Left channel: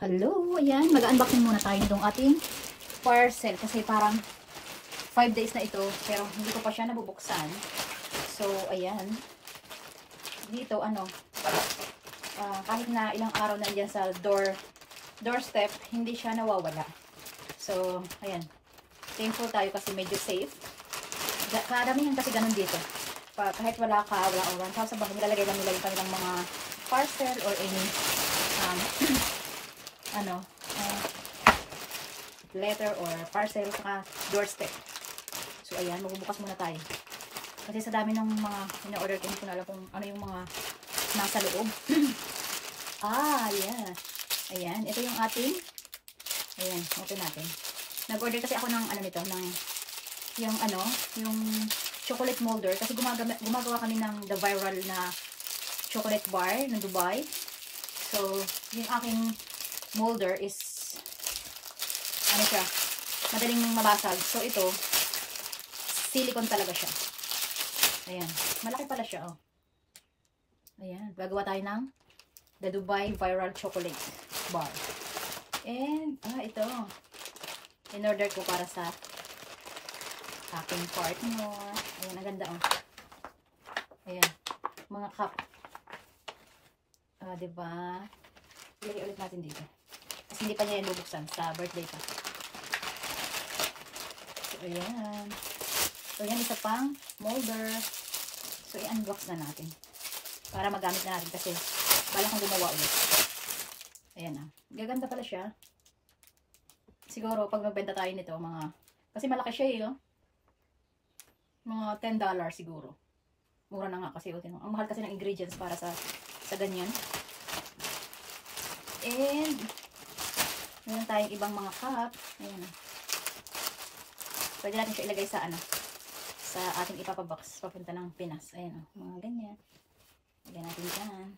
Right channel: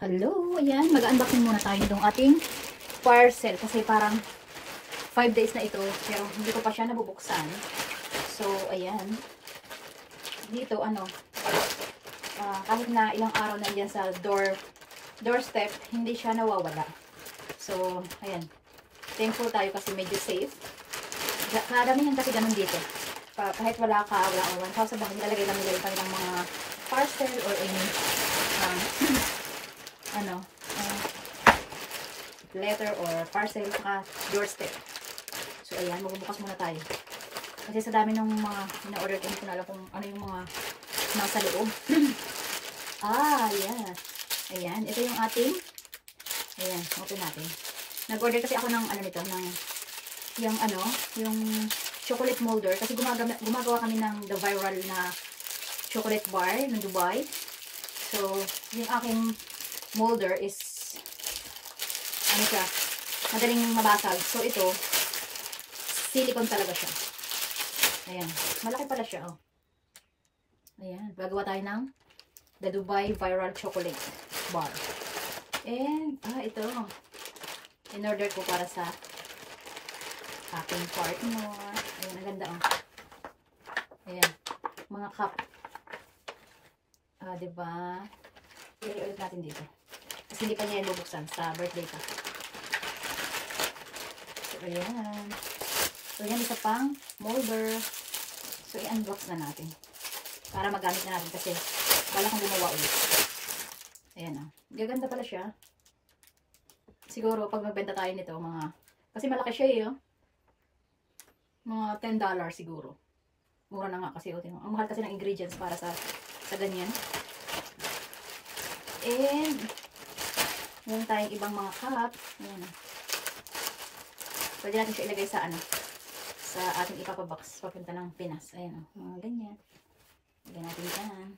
Hello, ayan, mag-unboxing muna tayo nitong ating parcel kasi parang 5 days na ito pero hindi ko pa siya nabubuksan. So, ayan. Dito, kahit na ilang araw na dyan sa doorstep, hindi siya nawawala. So, ayan. Thankful tayo kasi medyo safe. Karamihan kasi ganun dito. Kahit wala ka, wala owan, sa bahay, nilalagay lang nila yung kanilang mga parcel or any letter or parcel sa doorstep. So ayan, magbubukas muna tayo. Kasi sa dami ng mga ina-order ko, hindi ko na alam kung ano yung mga nasa loob. Ayan. Ayan, ito yung ating, ayan, open natin. Nag-order kasi ako ng yung chocolate molder kasi gumagawa kami ng the viral na chocolate bar ng Dubai. So, yung aking molder is madaling mabasag. So, ito silicone talaga siya. Ayan. Malaki pala siya, oh. Ayan. Gagawa tayo ng the Dubai Viral Chocolate Bar. And, ito. In-order ko para sa aking partner. Ayan, ang ganda, oh. Ayan. Mga cup. Diba? Ilagay ulit natin dito. Kasi hindi pa niya yung bubuksan sa birthday ka. So, ayan. So, ayan, isa pang molder. So, i-unbox na natin. Para magamit na natin kasi wala kang gumawa ulit. Ayan, gaganda pala siya. Siguro, pag magbenta tayo nito, kasi malaki siya eh, oh. Mga $10 siguro. Mura na nga kasi, oh, ang mahal kasi ng ingredients para sa ganyan. And, meron tayong ibang mga cup. Ayan, pwede natin siya ilagay sa sa ating ipapabox papunta ng Pinas. Ayan, mga ganyan. Ilagay natin dyan.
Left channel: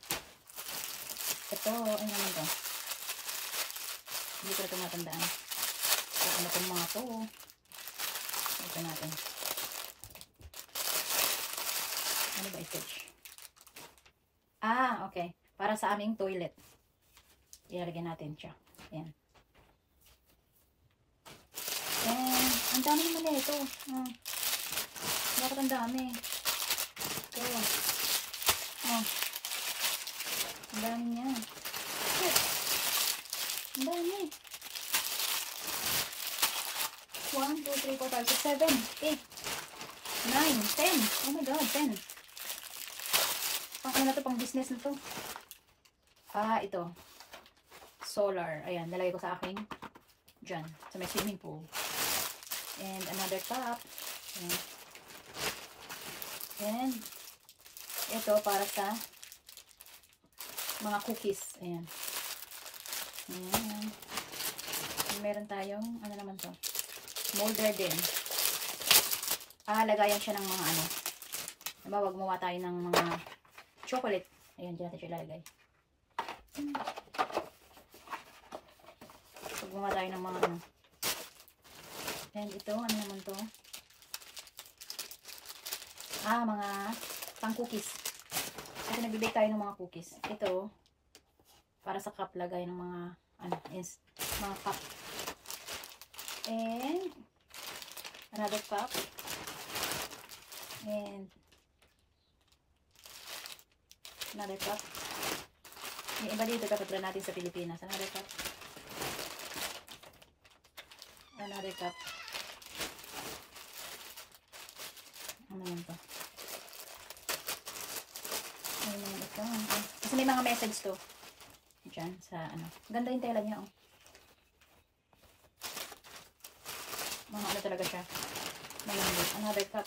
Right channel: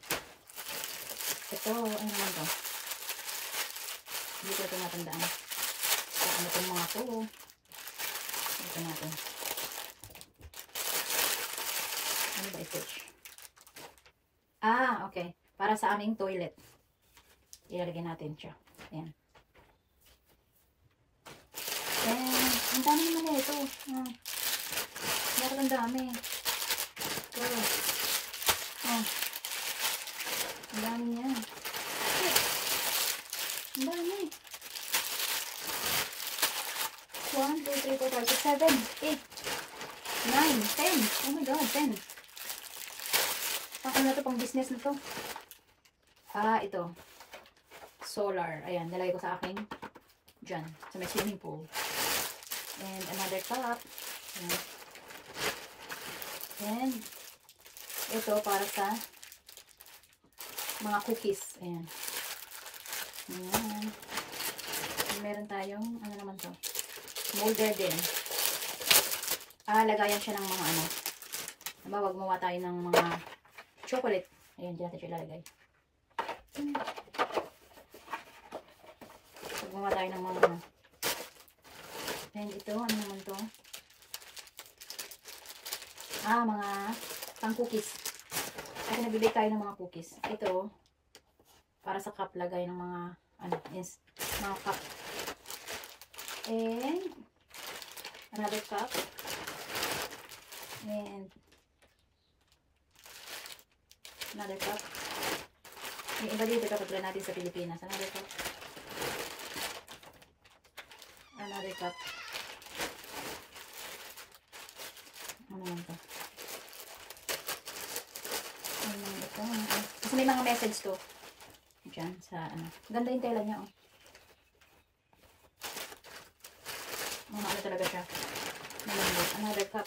Ito, ano naman to? Hindi ko ito natandaan. So, ano itong mga to? Ito natin. Ano ba ito? Okay. Para sa aming toilet. Ilalagay natin siya. Ayan. And, ang dami naman na ito. Bakit ang dami? Ito. Ang dami niya. Ang dami. 1, 2, 3, 4, 5, 6, 7, 8, 9, 10. Oh my God, 10. Ano na ito? Pang business na ito. Ito. Solar. Ayan, nalagay ko sa aking dyan, sa may swimming pool. And another cup. Ayan. And ito para sa mga cookies. Ayan. Ayan. And meron tayong, ano naman to? Molder din. Lagayan siya ng mga wag mawa tayo ng mga chocolate. Ayan, dyan natin siya ilalagay. Gumawa tayo ng mga And ito, ano naman to? Mga pang cookies. Kasi nagbibake tayo ng mga cookies. Ito, para sa cup, lagay ng mga mga cup. And another cup. And another cup. Yung iba dito, ito try natin sa Pilipinas. Another cup. Another cup. Ano naman to? Ayan, ito. Kasi may mga message to. Diyan, sa Ganda yung tela niya, oh. Mga talaga siya. Malambot. Another cup.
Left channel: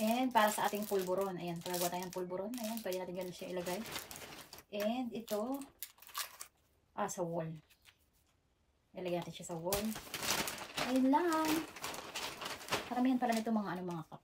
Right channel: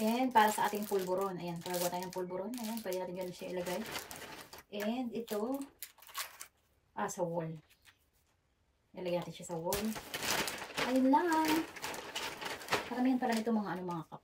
And para sa ating pulburon. Ayan, pagawa tayo ng pulburon. Ayan, pwede natin dyan siya ilagay. And ito, sa wall. Ilagay natin siya sa wall. Ayun lang. Karamihan pala nito mga cup.